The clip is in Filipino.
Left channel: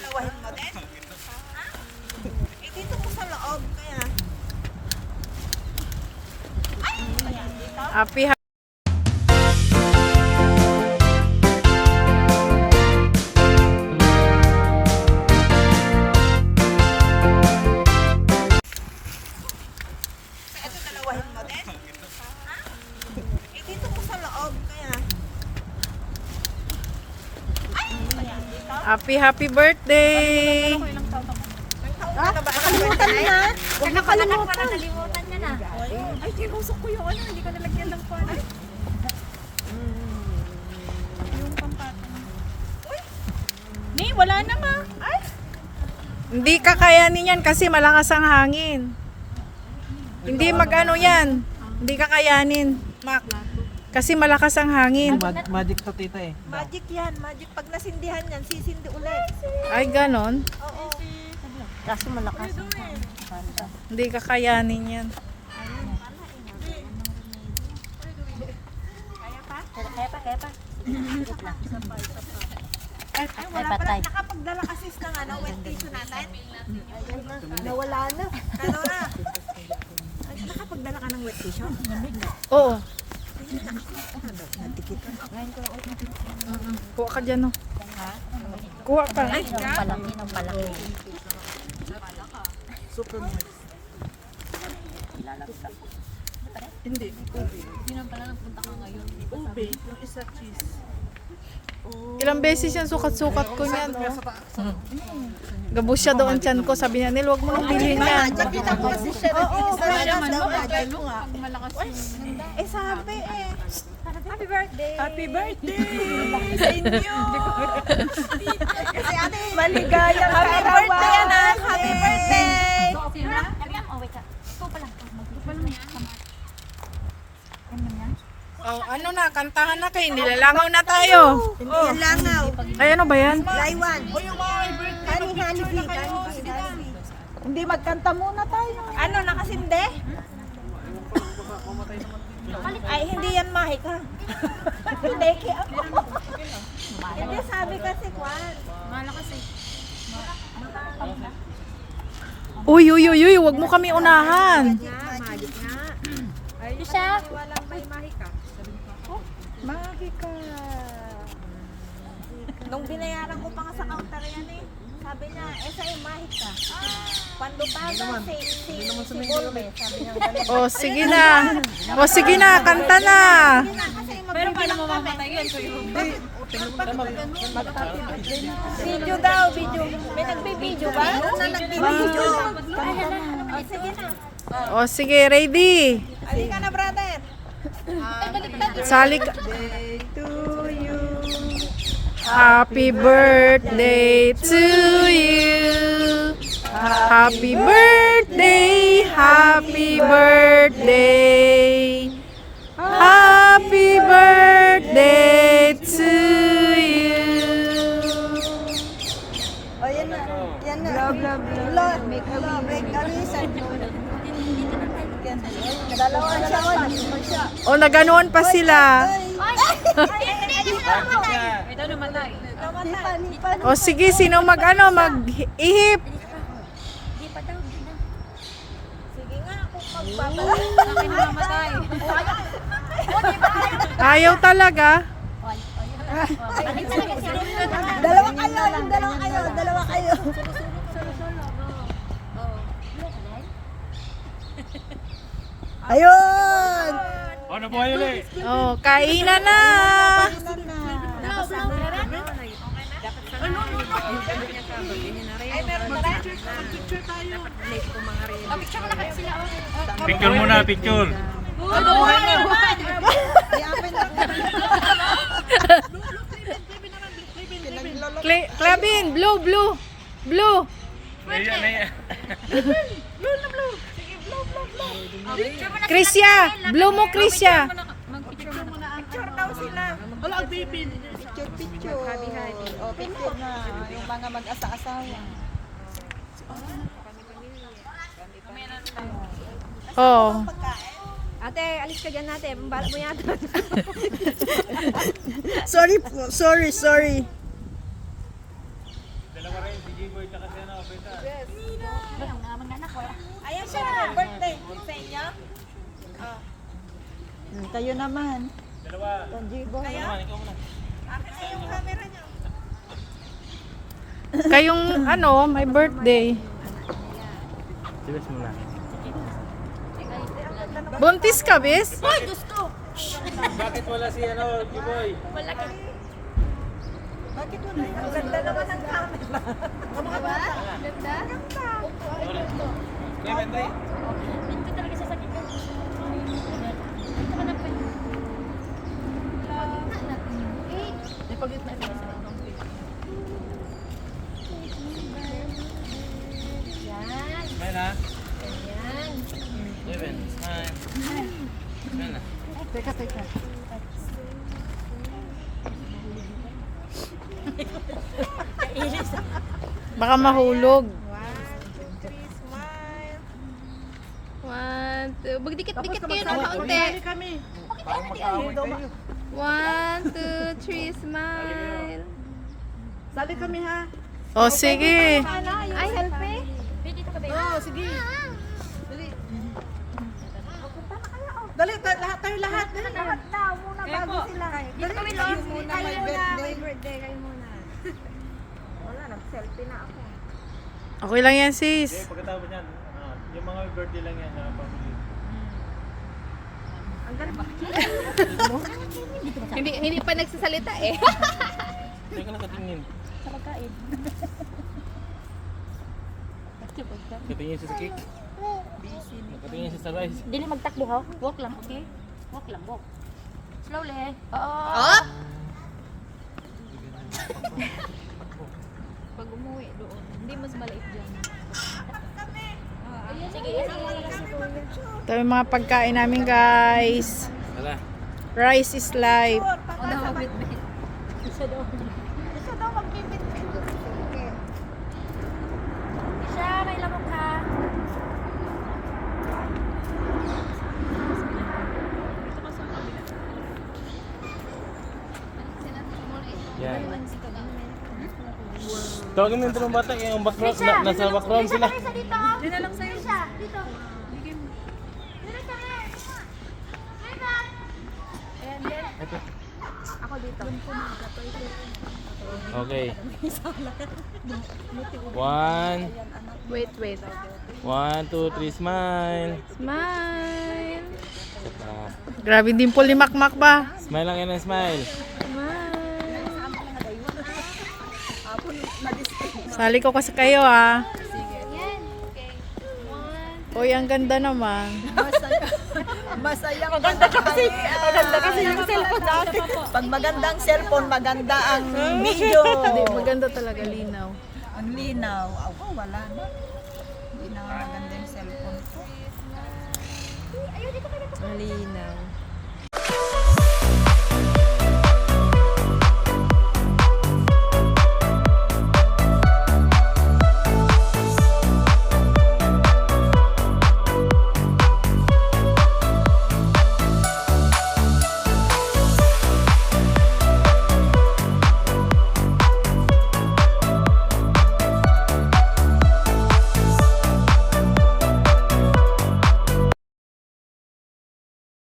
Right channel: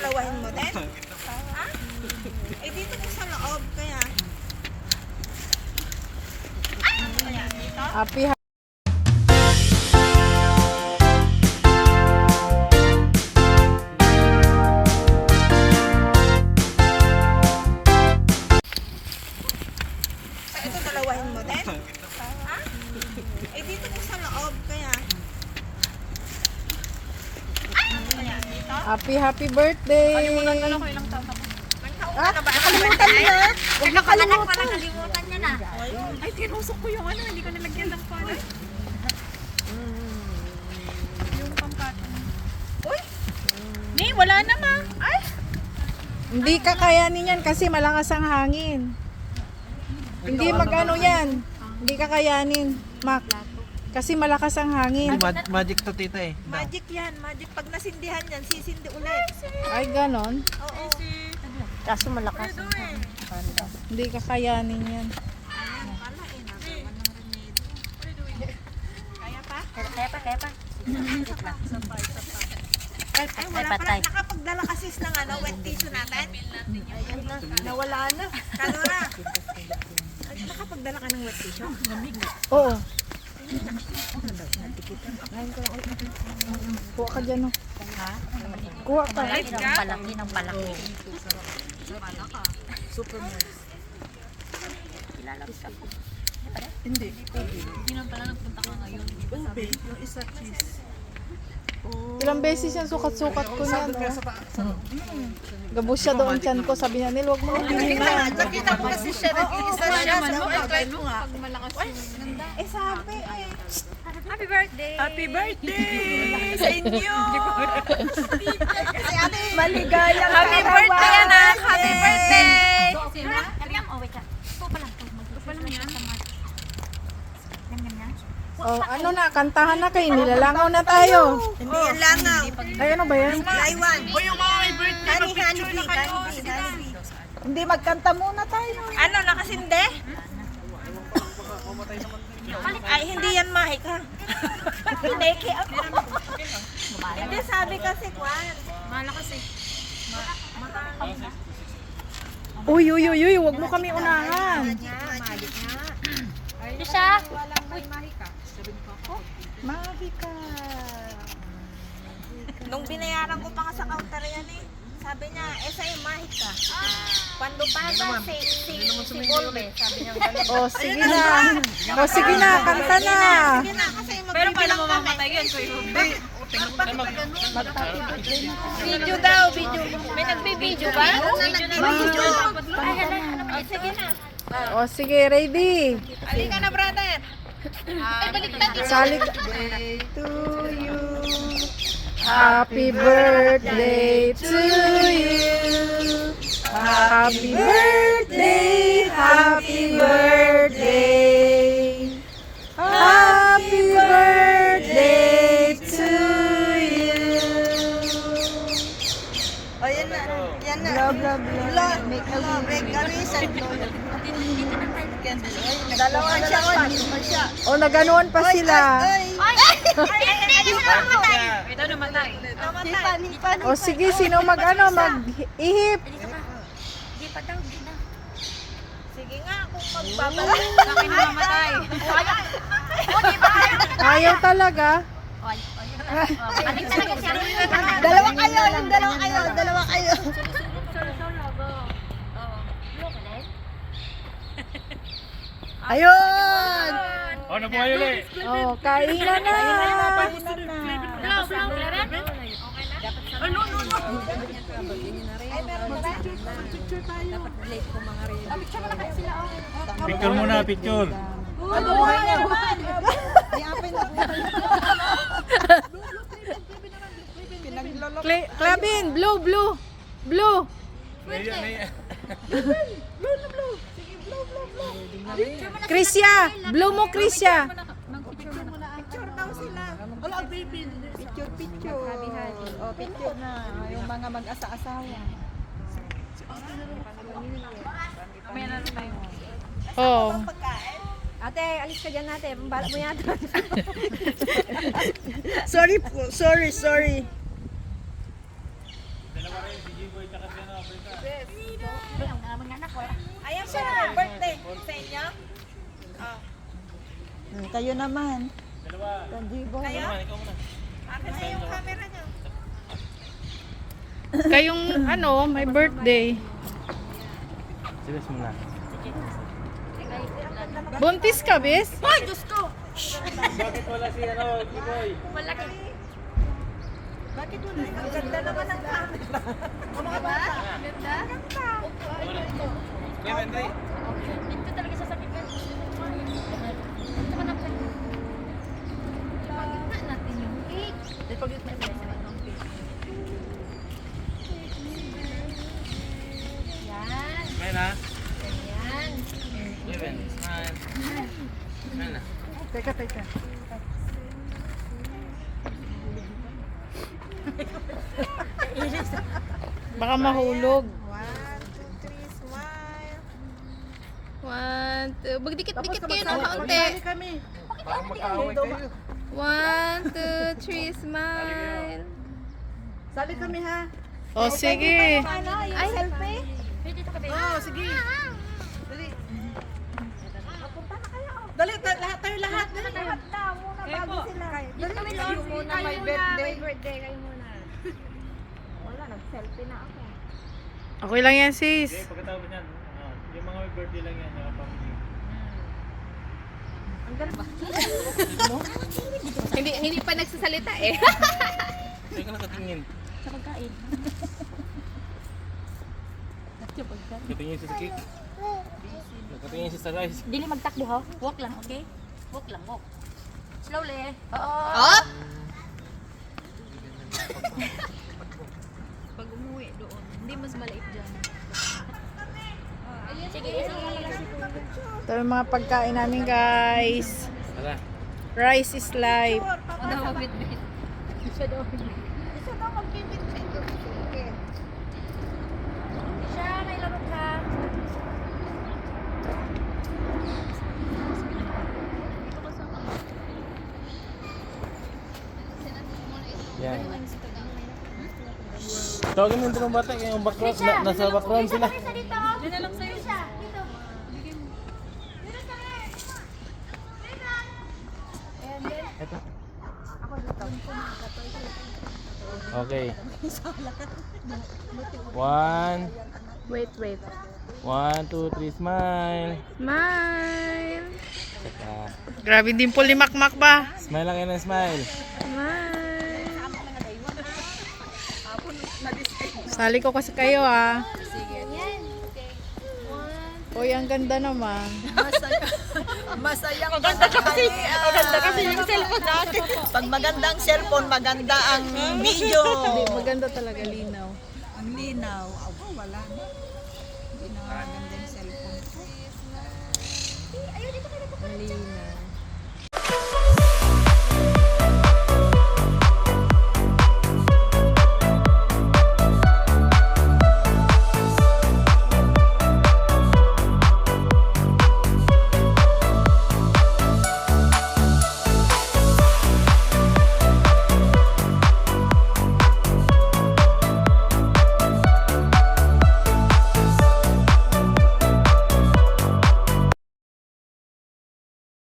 dalawahin mo din? Ha? Eh dito ko sa loob, kaya. Ay, ano kaya dito? Happy Ito dalawahin mo din? Ha? Eh dito ko sa loob, kaya. Ay, ano kaya dito? happy birthday. Ilang taon ka na ba? Ano ba yun? Nakakalimutan. Nakalimutan niya na. Ay, tinusok ko yung ano, hindi ko nilagyan ng pala. Yung pampatong. Uy! Ni, wala na nga. Ay! Hindi kakayanin yan kasi malakas ang hangin. Hindi magano yan. Hindi kakayanin, Mac. Kasi malakas ang hangin. Magic to tita eh. Magic yan, magic. Pag nasindihan yan, sisindi ulit. Ay, ganon. Oo. Kasi malakas. Hindi kakayanin yan. Kaya pa. Wait lang. Ay, wala pala. patay. Nakapagdala kasi ng ano, wet tissue natin. Ayun na. Nawala na. Kano na? Nakapagdala ka ng wet tissue? Oo. Kuha ka dyan, no? Kuha pa. Ng palaki. Lalagsak. Hindi na pala nagpunta ka ngayon. Ilang beses yan sukat-sukat ko niyan, oh. Gabos siya doon tiyan ko. Sabi niya, Nil, huwag mo nang bilhin yan. Nakita ko kasi siya. Nag-iisa siya. Try mo nga. Eh, sabi eh. Happy birthday! Happy birthday sa inyo! Maligaya. Happy birthday, anak! Happy birthday! Oh, wait ka. Ito pa lang. Ito pa lang yan. Yum. Oh, ano na, kantahan na kayo. Nilalangaw na tayo. Hindi yan langaw. Ay, ano ba yan? Laywan. O yung mga may birthday. Honey. Hindi, magkanta muna tayo. Ano, nakasindi? Ay, hindi yan mahik ha. Pineke ako. Hindi, sabi kasi, Kwan. Uy, huwag mo kami unahan. Ito siya. Mahika. Nung binayaran ko pa nga sa counter yan eh. Sabi niya, sa'yo mahik ka. Quando paga, si Golbe. Sabi niya, gano'n. Oh, sige na. Oh, sige na, kanta na. Pero paano mo mamatay yan? Video daw, video. May nagbibideo ba? Nagbibideo. Ay, hala. Sige na. Oh, sige, ready. Halika na, brother. Salik. Happy birthday to you. Happy birthday, happy birthday. Happy birthday to you. O, yan na. Yan na. Love. Dalawa na lang. Oh, naganoon pa sila. Hindi na mamatay. Nipan. Oh, sige, sino mag-ihip? Dito ka. Di pa daw. Di na. Sige nga, kung magbabalik. Akin na mamatay. Di ba? Ayaw talaga. Balik talaga siya. Dalawa kayo. Solo. Blue ka din? Ayun! Oh, kainan na. Blue, Clement? Ay, meron na rin. Picture muna, picture. Clavin, blue. Krisya, blue mo, Krisya. Picture daw sila. Picture. O, picture na. Yung mga mag-asa-asawa. Oh. Ate, alis ka dyan natin. Pambara mo yata. Sorry po. Sorry. Ayan siya na birthday sa inyo. Kayo naman. Kayo? Akin na yung camera niyo. Kayong ano, may birthday. Serious muna. Buntis ka, bis? Ay, Diyos ko! Bakit wala si ano, Giboy? Malaki. Bakit wala? Ang ganda naman ng camera. Ang mga bata. Ganda? Ganda. Kuya, Menday. Hindi talaga sasakit ka. Ito ka na pa. Ipagitna natin yung page. Ipagitna natin yung page. Yan. Smile ha. Yan. Kuya, Ben. Smile. Smile na. Teka. Baka mahulog. 1, 2, 3, smile. 1, 2. Magdikit-dikit kayo na konti. Kami. 1, 2, 3, smile. Sabi kami ha. O, sige. Ano, yung selfie? Dito ka ba? Oo, sige. Dali. Dali, lahat tayo lahat. Dali. Lahat na, muna bago sila. Dito kami, Lord. Kayo muna, may birthday kayo muna. Wala, nag-selfie na ako. Okay lang yan, sis. Pagkatapos niyan, yung mga birthday lang yan, yung pang Hindi pa nagsasalita eh. Hindi ka nakatingin. Nakatingin siya sa cake. Nakatingin siya sa rice. Dili magtakbo ha. Walk lang, okay? Walk lang, walk. Slowly. Oo. Pag umuwi doon, hindi mas maliit dyan. Sige. Ito yung mga pagkain namin, guys. Hala. Rice is life. O daw, wait. Siya daw. Gusto daw magbibit-bit. Siya, may lamok ka. Yan. Tawagin mo yung bata, yung background, nasa background sila. Yan na lang sa'yo. Dito. Okay. 1, Wait. 1, 2, 3, smile. Smile. Saka, Grabe din po limakmak ba? smile lang yan ang smile. Sali ko kasi kayo, ah. Sige. Uy, ang ganda naman. Masaya. Maganda kasi yung cellphone natin. Pag magandang cellphone, maganda ang video. Hindi, maganda talaga, linaw. Ang linaw. Ako, wala na. Hindi na maganda yung cellphone ko. Ang linaw.